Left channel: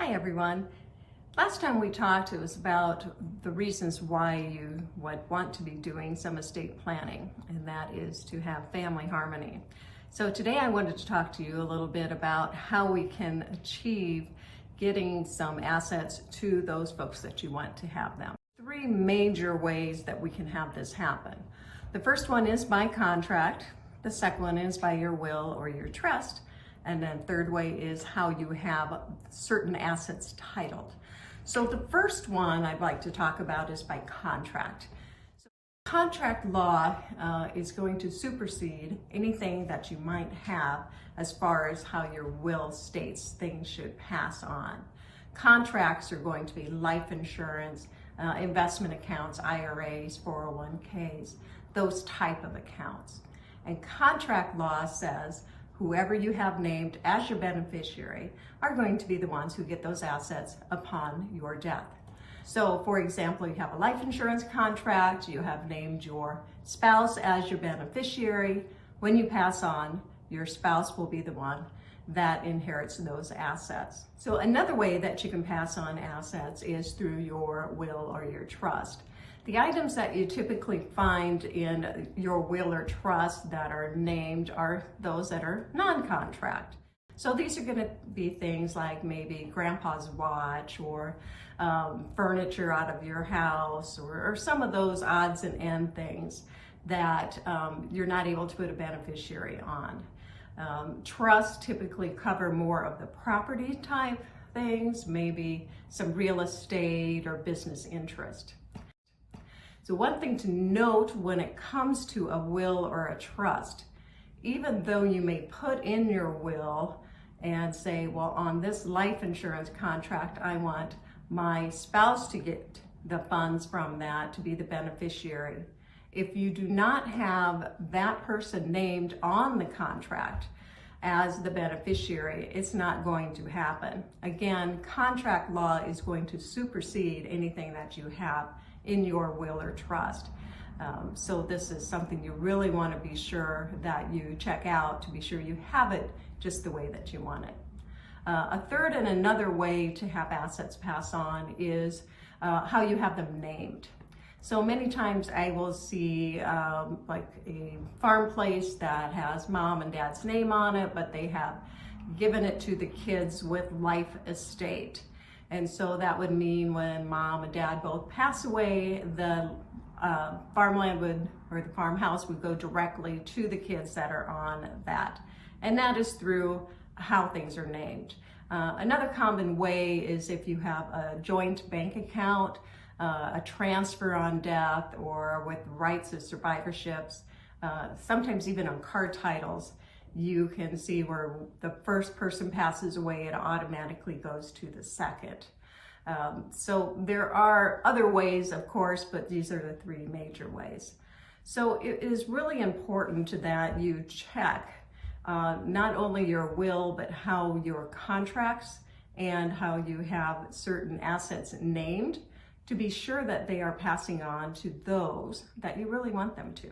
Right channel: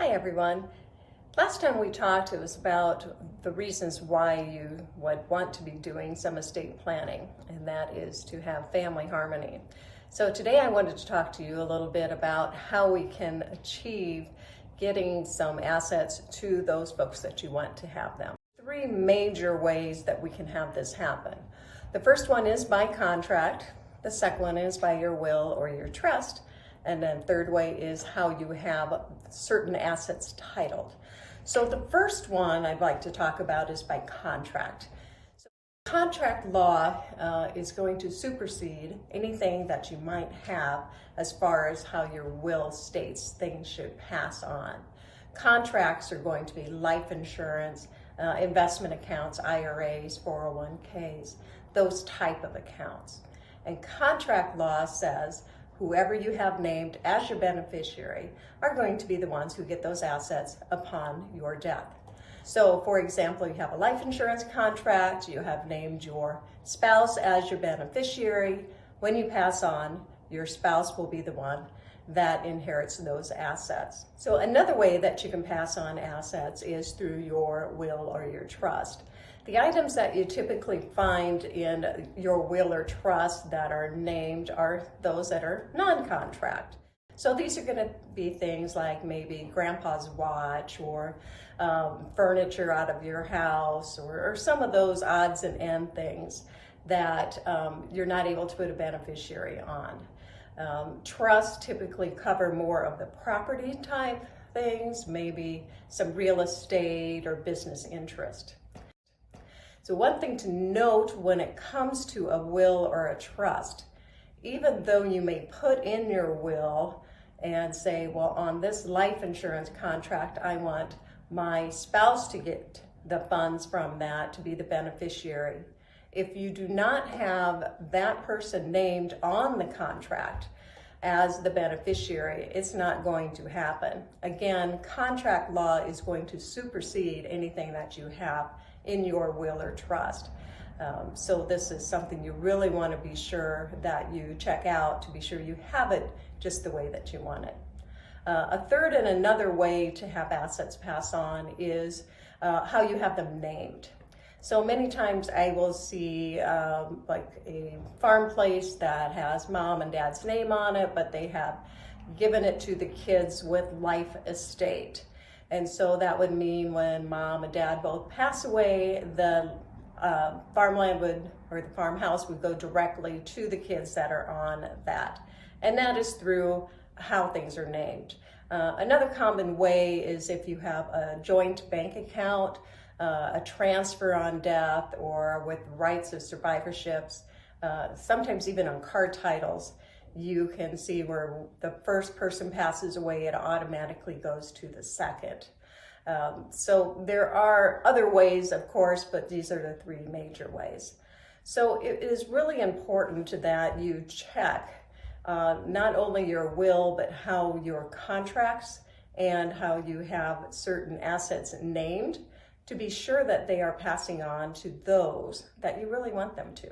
Hi everyone. Last time we talked, it was about the reasons why you would want to be doing some estate planning, and that is to have family harmony. So today I wanted to talk to you a little bit about how we can achieve getting some assets to those folks that you want to have them. Three major ways that we can have this happen. The first one is by contract. The second one is by your will or your trust. And then third way is how you have certain assets titled. So the first one I'd like to talk about is by contract. So contract law is going to supersede anything that you might have as far as how your will states things should pass on. Contracts are going to be life insurance, investment accounts, IRAs, 401ks, those type of accounts. And contract law says whoever you have named as your beneficiary are going to be the ones who get those assets upon your death. So for example, you have a life insurance contract, you have named your spouse as your beneficiary. When you pass on, your spouse will be the one that inherits those assets. So another way that you can pass on assets is through your will or your trust. The items that you typically find in your will or trust that are named are those that are non-contract. So these are going to be things like maybe grandpa's watch or furniture out of your house or some of those odds and end things that you're not able to put a beneficiary on. Trusts typically cover more of the property type things, maybe some real estate or business interest. So one thing to note when it comes to a will or a trust, even though you may put in your will and say, well, on this life insurance contract, I want my spouse to get the funds from that to be the beneficiary. If you do not have that person named on the contract as the beneficiary, it's not going to happen. Again, contract law is going to supersede anything that you have in your will or trust. So this is something you really want to be sure that you check out to be sure you have it just the way that you want it. A third and another way to have assets pass on is how you have them named. So many times I will see like a farm place that has mom and dad's name on it, but they have given it to the kids with life estate. And so that would mean when mom and dad both pass away, the farmland or the farmhouse would go directly to the kids that are on that. And that is through how things are named. Another common way is if you have a joint bank account, a transfer on death, or with rights of survivorships, sometimes even on car titles, you can see where the first person passes away, it automatically goes to the second. So there are other ways, of course, but these are the three major ways. So it is really important that you check not only your will, but how your contracts and how you have certain assets named to be sure that they are passing on to those that you really want them to.